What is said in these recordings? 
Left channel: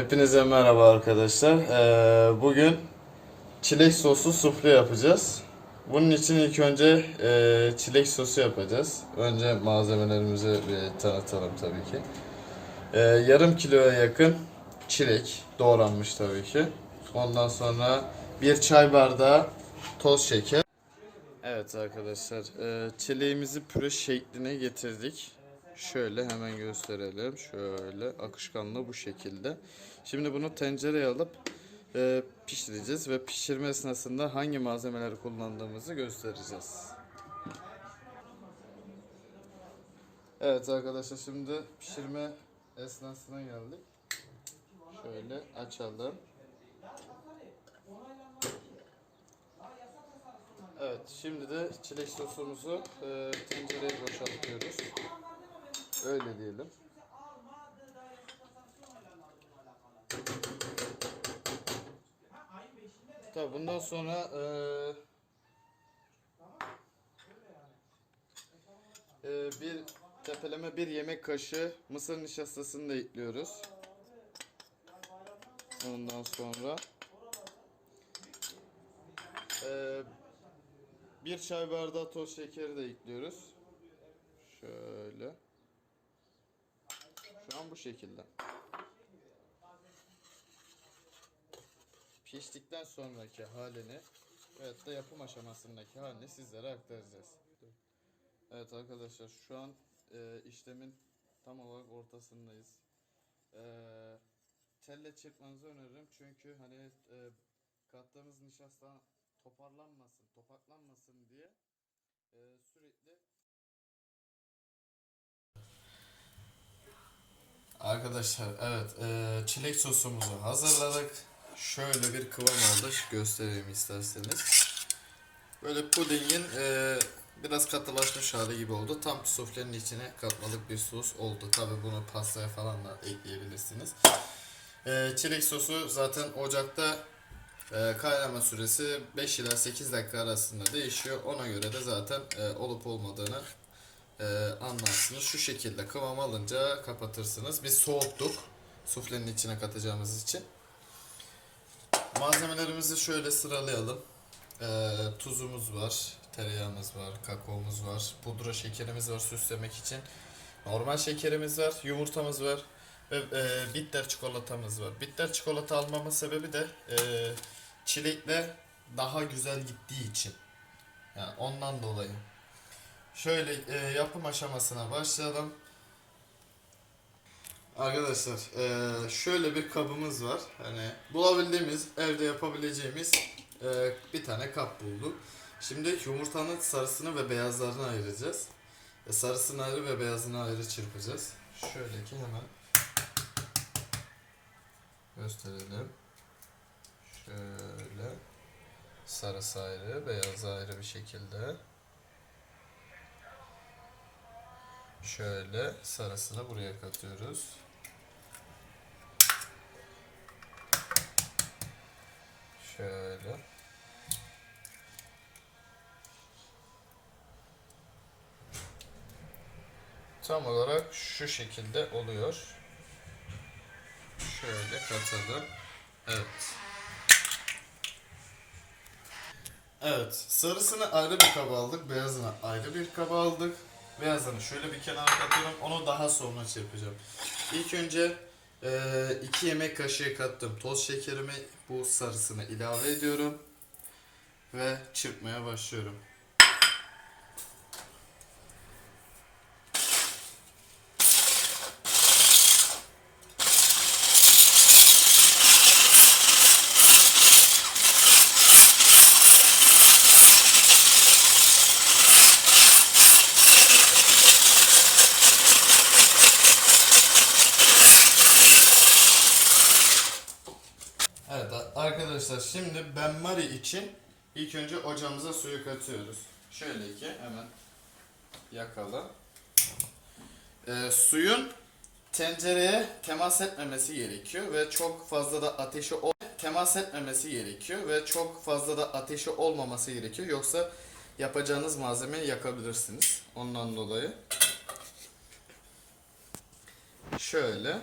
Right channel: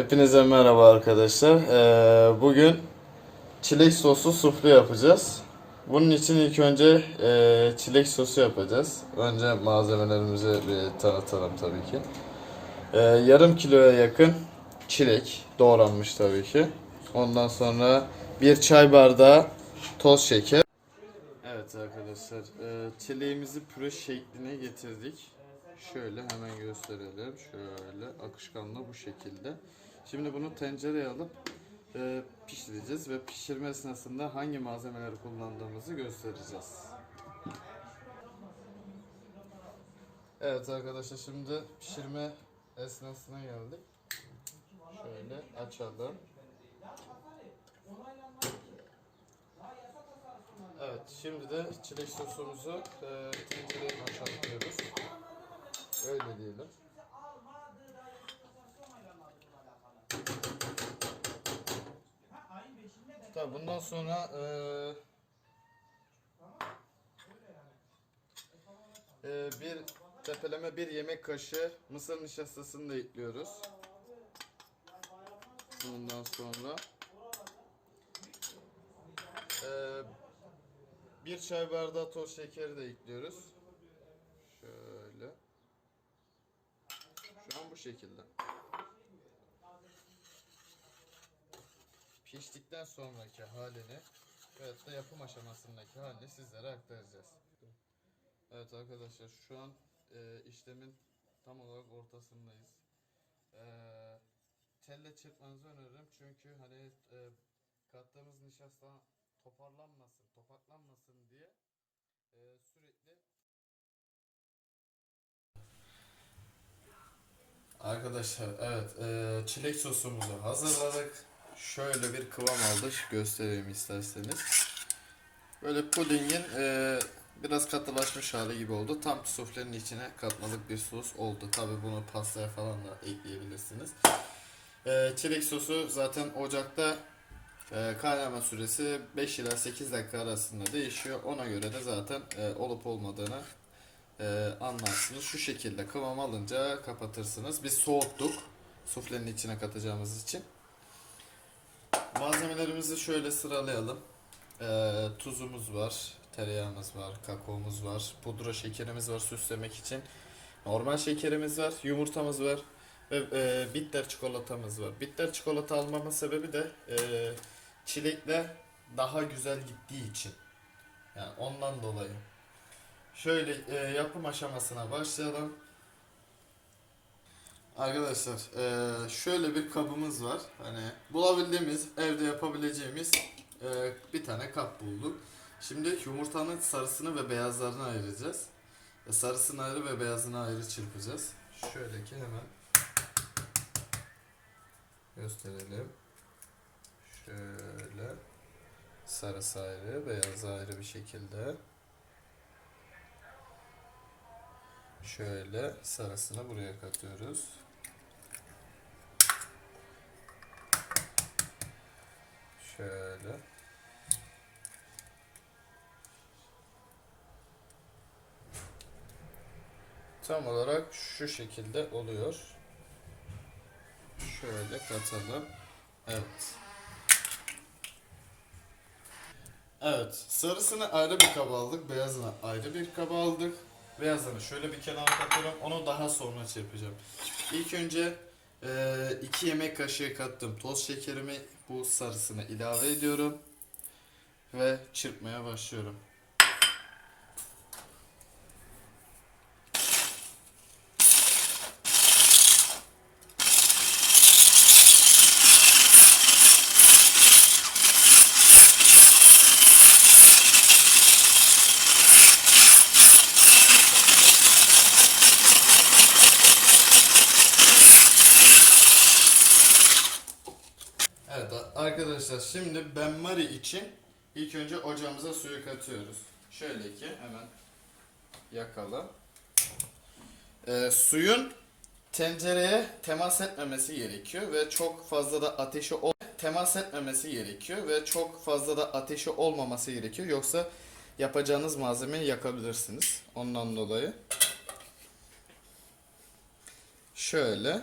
Hepinize merhaba arkadaşlar. Ee, bugün çilek soslu sufle yapacağız. Bunun için ilk önce e, çilek sosu yapacağız. Önce malzemelerimizi bir tanıtalım tabii ki. Ee, yarım kiloya yakın çilek doğranmış tabii ki. Ondan sonra bir çay bardağı toz şeker. Evet arkadaşlar, e, çileğimizi püre şekline getirdik. Şöyle hemen gösterelim. Şöyle akışkanlığı bu şekilde. Şimdi bunu tencereye alıp e, pişireceğiz ve pişirme esnasında hangi malzemeleri kullandığımızı göstereceğiz. Evet arkadaşlar şimdi pişirme esnasına geldik. Şöyle açalım. Evet, şimdi de çilek sosumuzu e, tencereye boşaltıyoruz. Öyle diyelim. Tabii bundan sonra e, e, bir tepeleme bir yemek kaşığı mısır nişastasını da ekliyoruz. Ondan sonra e, bir çay bardağı toz şekeri de ekliyoruz. Şöyle. Şu an bu şekilde. Piştikten sonraki halini evet de yapım aşamasındaki halini sizlere aktaracağız. Evet arkadaşlar şu an e, işlemin tam olarak ortasındayız. E, telle çırpmanızı öneririm çünkü hani e, kattığımız nişasta toparlanmasın, topaklanmasın diye e, sürekli Arkadaşlar evet e, çilek sosumuzu hazırladık. Şöyle bir kıvam aldı. Göstereyim isterseniz. Böyle pudingin e, biraz katılaşmış hali gibi oldu. Tam suflenin içine katmalık bir sos oldu. Tabi bunu pastaya falan da ekleyebilirsiniz. E, çilek sosu zaten ocakta e, kaynama süresi 5 ila 8 dakika arasında değişiyor. Ona göre de zaten e, olup olmadığını e, anlarsınız. Şu şekilde kıvam alınca kapatırsınız. Biz soğuttuk. Suflenin içine katacağımız için. Malzemelerimizi şöyle sıralayalım. E, tuzumuz var. Tereyağımız var. Kakaomuz var. Pudra şekerimiz var süslemek için. Normal şekerimiz var. Yumurtamız var. Ve e, bitter çikolatamız var. Bitter çikolata almamın sebebi de e, çilekle daha güzel gittiği için. Yani ondan dolayı. Şöyle e, yapım aşamasına başlayalım. Arkadaşlar e, şöyle bir kabımız var. Hani bulabildiğimiz evde yapabileceğimiz e, bir tane kap bulduk. Şimdi yumurtanın sarısını ve beyazlarını ayıracağız. E, sarısını ayrı ve beyazını ayrı çırpacağız. Şöyle ki hemen gösterelim. Şöyle sarısı ayrı, beyazı ayrı bir şekilde. Şöyle sarısını buraya katıyoruz. Şöyle. Tam olarak şu şekilde oluyor. Şöyle katalım. Evet. Evet, sarısını ayrı bir kaba aldık, beyazını ayrı bir kaba aldık. Beyazını şöyle bir kenara katıyorum, onu daha sonra çırpacağım. İlk önce 2 yemek kaşığı kattım toz şekerimi bu sarısına ilave ediyorum. Ve çırpmaya başlıyorum. Evet a- arkadaşlar şimdi benmari için ilk önce ocağımıza suyu katıyoruz. Şöyle ki hemen yakalım. Ee, suyun tencereye temas etmemesi gerekiyor ve çok fazla da ateşi ol temas etmemesi gerekiyor ve çok fazla da ateşi olmaması gerekiyor. Yoksa yapacağınız malzemeyi yakabilirsiniz. Ondan dolayı. Şöyle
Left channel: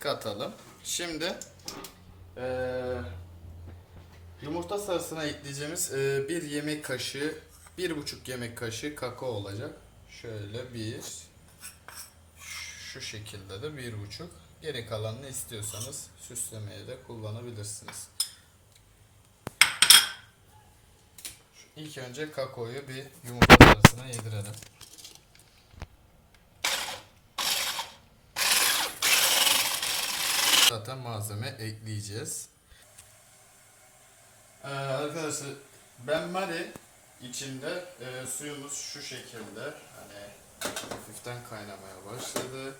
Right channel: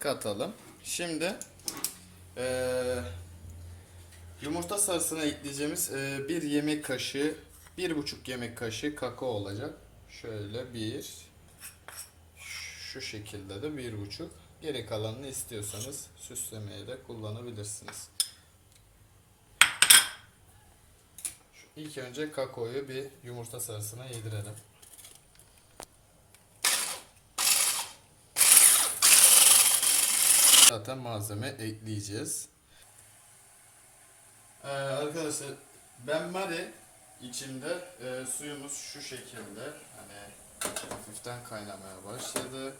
katalım. Şimdi eee, yumurta sarısına ekleyeceğimiz eee, bir yemek kaşığı, bir buçuk yemek kaşığı kakao olacak. Şöyle bir, şu şekilde de bir buçuk. Geri kalanını istiyorsanız süslemeye de kullanabilirsiniz. İlk önce kakaoyu bir yumurta sarısına yedirelim. Zaten malzeme ekleyeceğiz. Ee, arkadaşlar ben mari içinde e, suyumuz şu şekilde hani hafiften kaynamaya başladı.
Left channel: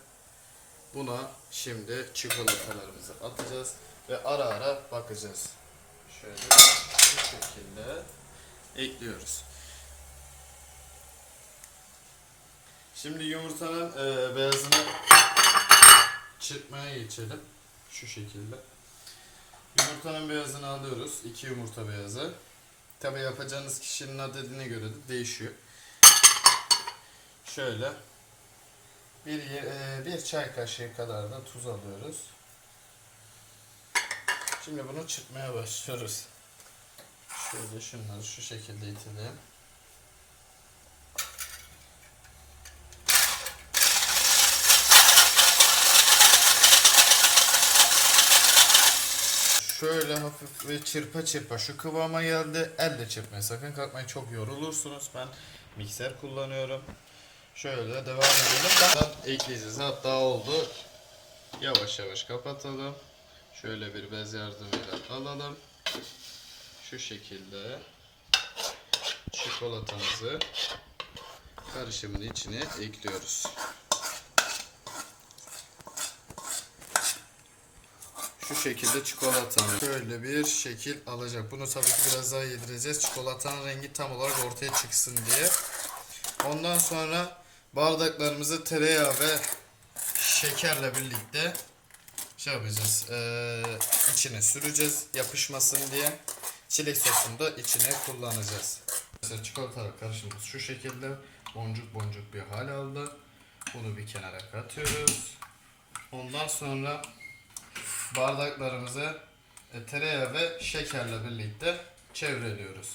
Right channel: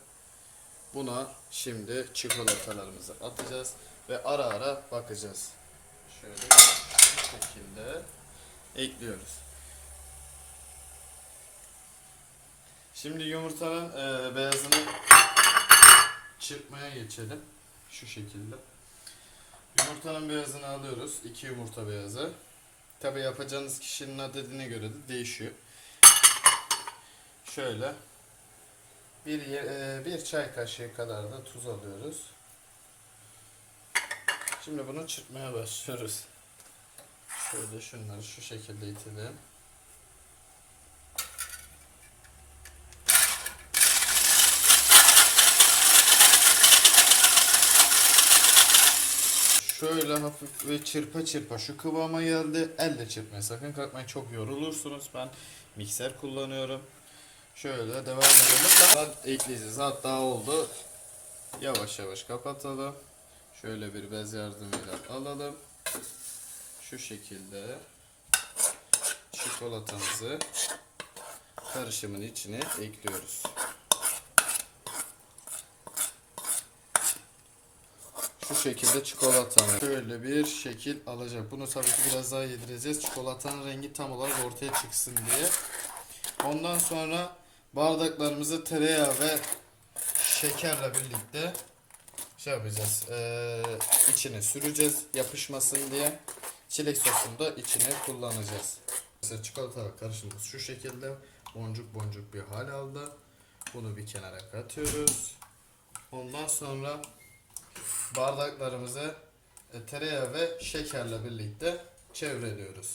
Buna şimdi çikolatalarımızı atacağız ve ara ara bakacağız. Şöyle şu şekilde ekliyoruz. Şimdi yumurtanın e, beyazını çırpmaya geçelim. Şu şekilde. Yumurtanın beyazını alıyoruz. 2 yumurta beyazı. Tabi yapacağınız kişinin adedine göre de değişiyor. Şöyle bir, e, bir çay kaşığı kadar da tuz alıyoruz. Şimdi bunu çırpmaya başlıyoruz. Şöyle şunları şu şekilde itelim. Şöyle hafif ve çırpa çırpa şu kıvama geldi. Elle çırpmaya sakın kalkmayın çok yorulursunuz. Ben mikser kullanıyorum. Şöyle devam edelim. Ben ekleyeceğiz. Hatta oldu. Yavaş yavaş kapatalım. Şöyle bir bez yardımıyla alalım. Şu şekilde çikolatamızı karışımın içine ekliyoruz. Şu şekilde çikolatamı şöyle bir şekil alacak. Bunu tabii ki biraz daha yedireceğiz. Çikolatanın rengi tam olarak ortaya çıksın diye. Ondan sonra bardaklarımızı tereyağı ve şekerle birlikte şey yapacağız. Ee, içine süreceğiz yapışmasın diye. Çilek sosunu da içine kullanacağız. Mesela çikolata karışımımız şu şekilde boncuk boncuk bir hal aldı. Bunu bir kenara katıyoruz. Ondan sonra bardaklarımızı e, tereyağı ve şekerle birlikte çevreliyoruz.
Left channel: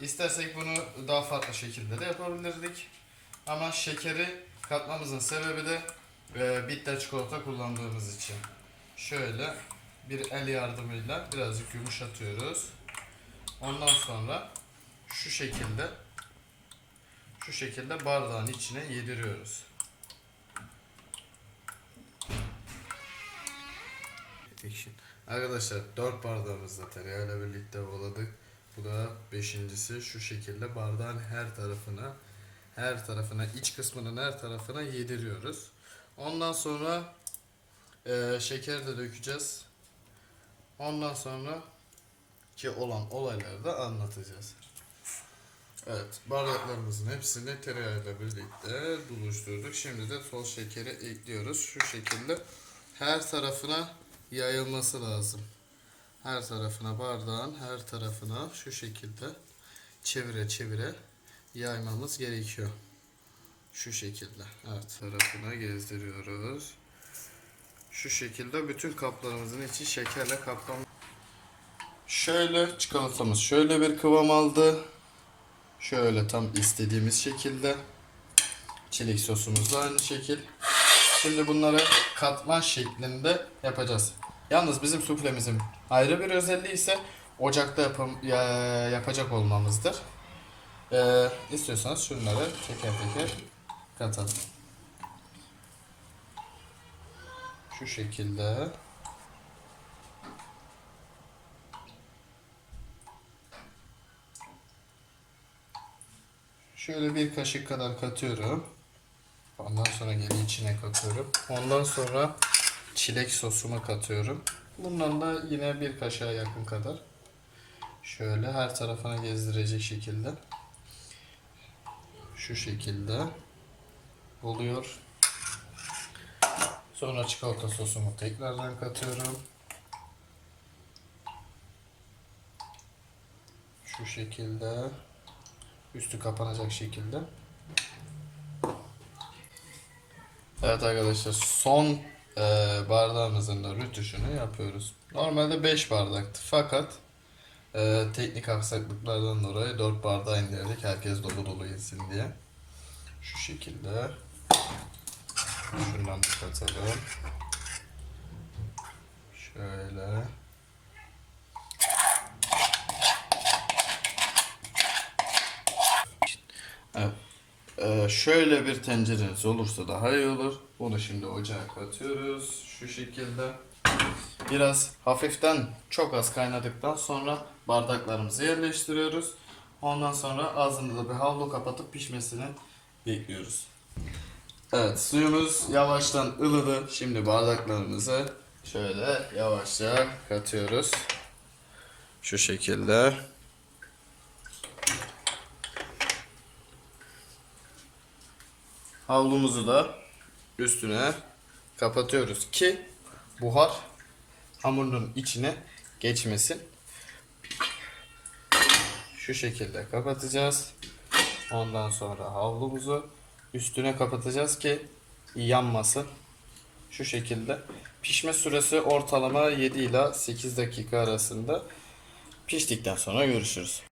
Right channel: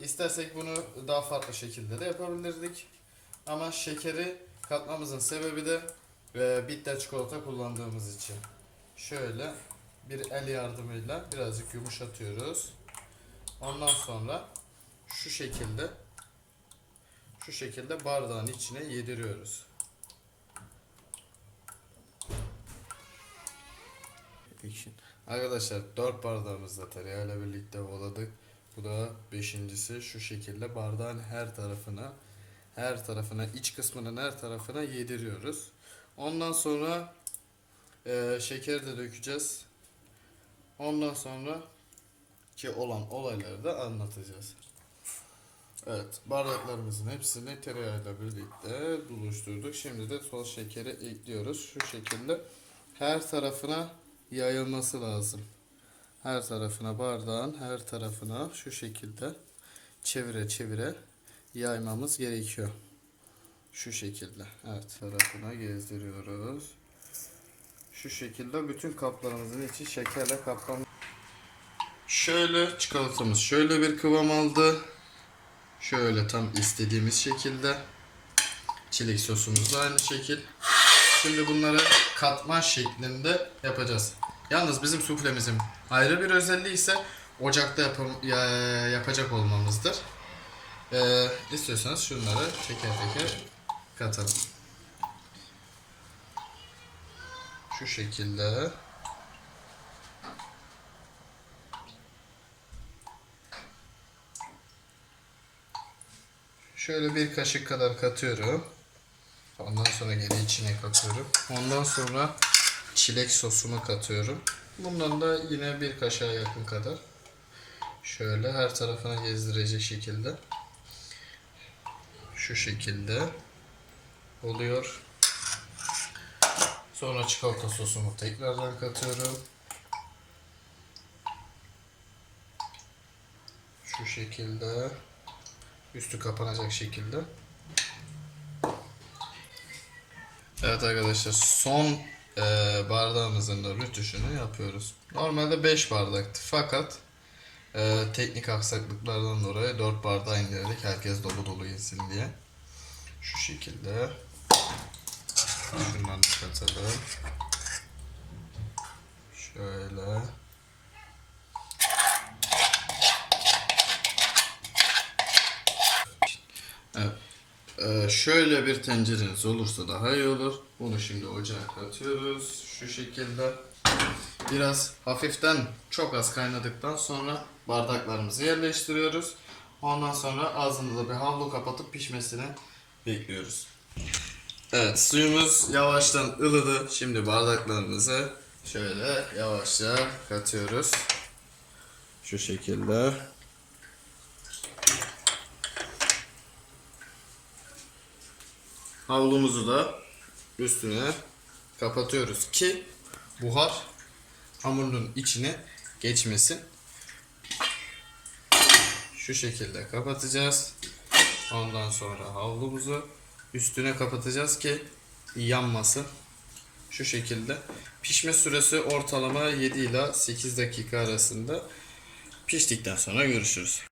İstersek bunu daha farklı şekilde de yapabilirdik. Ama şekeri katmamızın sebebi de e, bitter çikolata kullandığımız için. Şöyle bir el yardımıyla birazcık yumuşatıyoruz. Ondan sonra şu şekilde şu şekilde bardağın içine yediriyoruz. Fiction. Arkadaşlar 4 bardağımızda tereyağıyla birlikte voladık. Bu da beşincisi şu şekilde bardağın her tarafına her tarafına iç kısmının her tarafına yediriyoruz. Ondan sonra e, şeker de dökeceğiz. Ondan sonra ki olan olayları da anlatacağız. Evet, bardaklarımızın hepsini tereyağıyla birlikte buluşturduk. Şimdi de toz şekeri ekliyoruz. Şu şekilde her tarafına yayılması lazım. Her tarafına bardağın her tarafına şu şekilde çevire çevire yaymamız gerekiyor. Şu şekilde. Evet. Tarafına gezdiriyoruz. Şu şekilde bütün kaplarımızın içi şekerle kaplam. Şöyle çikolatamız şöyle bir kıvam aldı. Şöyle tam istediğimiz şekilde. Çilek sosumuz da aynı şekil. Şimdi bunları katman şeklinde yapacağız. Yalnız bizim suflemizin ayrı bir özelliği ise ocakta yapam- ya- yapacak olmamızdır. Ee, istiyorsanız şunları teker teker katalım. Şu şekilde. Şöyle bir kaşık kadar katıyorum. Ondan sonra geri içine katıyorum. Ondan sonra çilek sosumu katıyorum. Bundan da yine bir kaşığa yakın kadar. Şöyle her tarafına gezdirecek şekilde. Şu şekilde oluyor. Sonra çikolata sosumu tekrardan katıyorum. Şu şekilde üstü kapanacak şekilde. Evet arkadaşlar son e, bardağımızın da rütuşunu yapıyoruz. Normalde 5 bardaktı fakat e, teknik aksaklıklardan dolayı 4 bardağı indirdik. Herkes dolu dolu yesin diye. Şu şekilde. Şundan da katalım. Şöyle. Ee, şöyle bir tencereniz olursa daha iyi olur. Bunu şimdi ocağa katıyoruz. Şu şekilde. Biraz hafiften çok az kaynadıktan sonra bardaklarımızı yerleştiriyoruz. Ondan sonra ağzını da bir havlu kapatıp pişmesini bekliyoruz. Evet suyumuz yavaştan ılıdı. Şimdi bardaklarımızı şöyle yavaşça katıyoruz. Şu şekilde. Havlumuzu da üstüne kapatıyoruz ki buhar hamurun içine geçmesin. Şu şekilde kapatacağız. Ondan sonra havlumuzu üstüne kapatacağız ki yanmasın. Şu şekilde. Pişme süresi ortalama 7 ila 8 dakika arasında. Piştikten sonra görüşürüz.